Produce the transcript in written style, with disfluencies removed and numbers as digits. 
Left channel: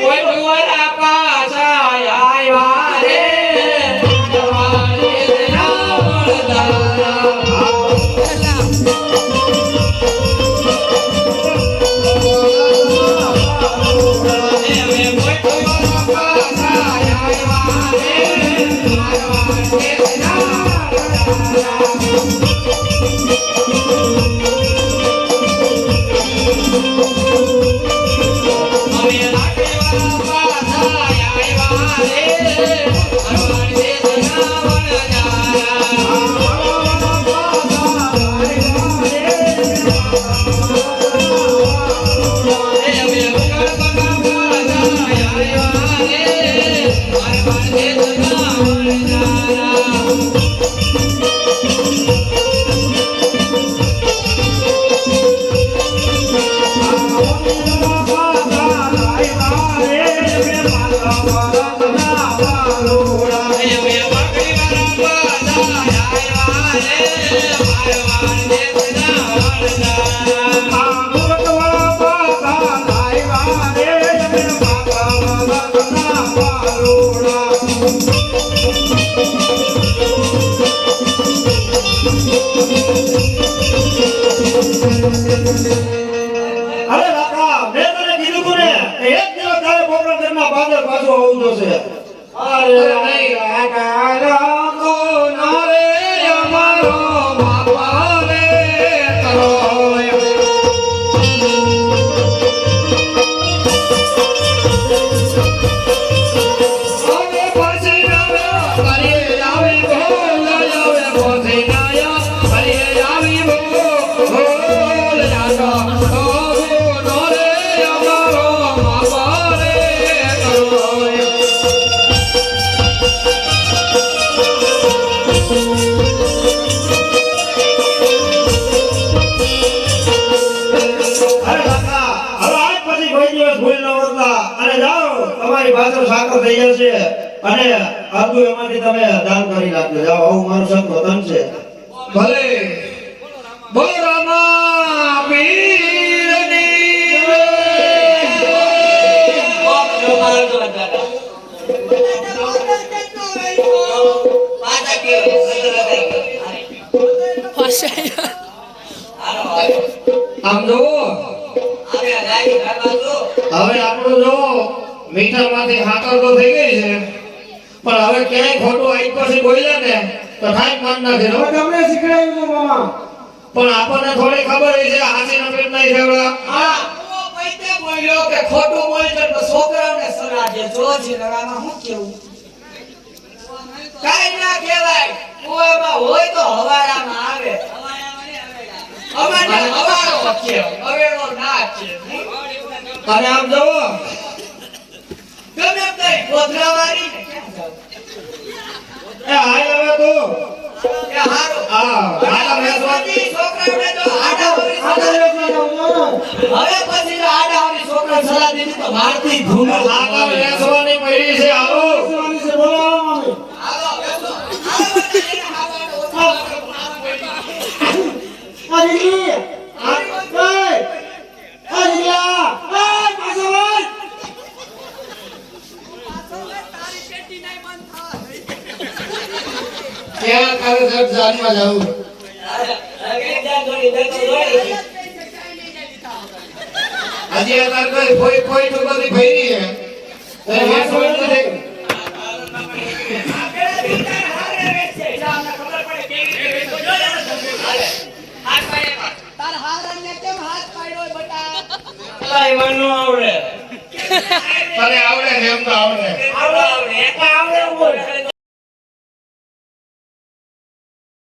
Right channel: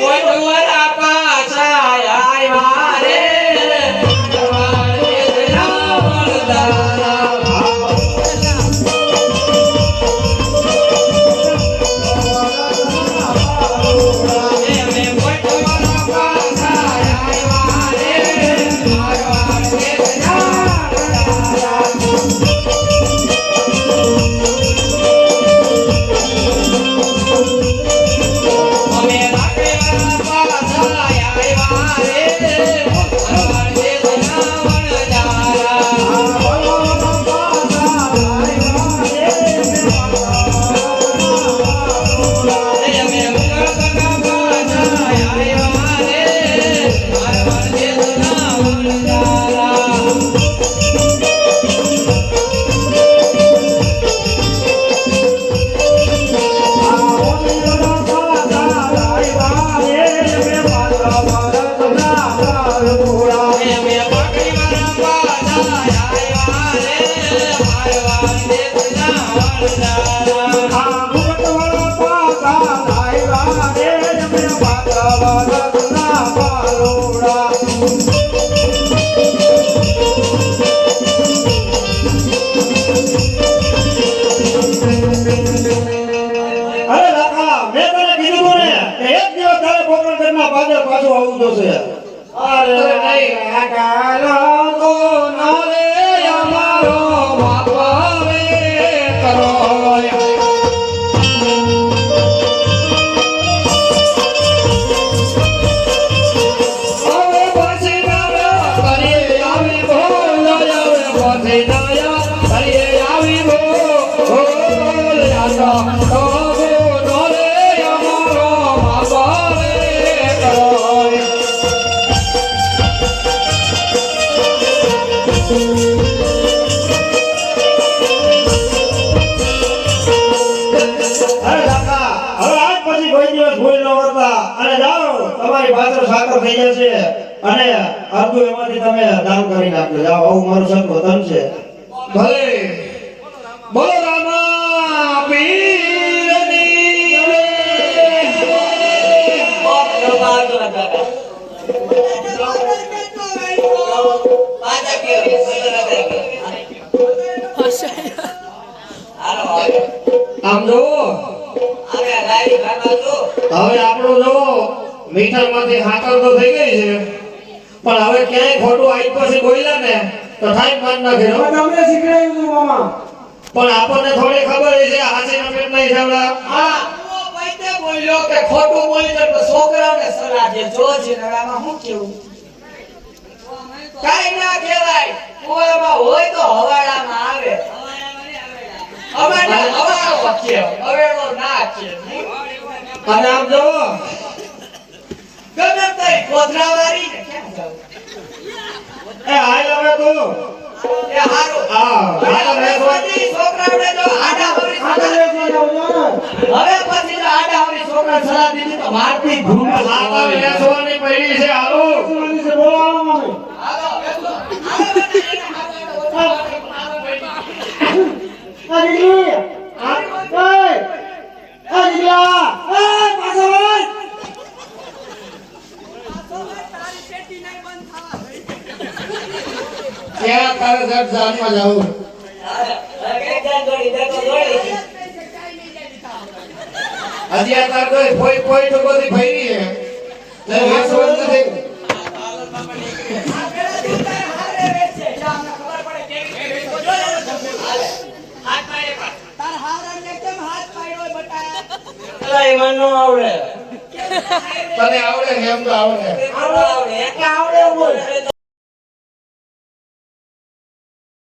કોઈ તમારા પાછા આવ્યા રે અને અર્ધું એમાંથી તમે દાન કરી નાખજો. જાઓ, આવું મારું સત વતન છે. ભલે બોલો રામા પીરની આમ જોવો હવે આપણો જોવો મીઠામાંથી હાકર તો થઈ ગઈ છે, પણ હવે ક્યાંય ખોટું આઈ પછી બોલ્યા ને તો ઠાઈ માન નાખી. હવે તમને શીખડાયું છે મામા, પણ આપણને થોડી ખબર છે હાસી નમેટ નહીં સાંભળા. હા ઓ પૈતે બોલ્યો કે ખોટું બોલી તો છોકરાઓને સલાહ દે. જોજી આમાં શું કેવું કાઈ ના કહેવાય. ઓમાં હોય તો હવાડામાં આવે. હવાડામાં હવાડો કે હવેડો ના કે. અને આમ જોવો ગમે તે કોથરાવાળી ને કેમ જાવ એ હાલ હવે તો એ હારું હા હાલ મેસવાની છોકરાને જો આડાવરી હવે પછી આડાવરી છોકરા સલાહ દીધી તો મારતી ધૂમ લાગા વેસવાની પડી છે. હાલો હાલો બેસો હાલો બેટા એને હાવાડો क्या करे सब जान में जाऊं अजी आ कर कोई तो बड़ी भई है ते वेस बंद दे તાર હારને કેમ હાથ પાડ્યો બટા અલા એ મન નો આવડે. તને આવડે એમ તો આવડે આવડે એક આવડે હોય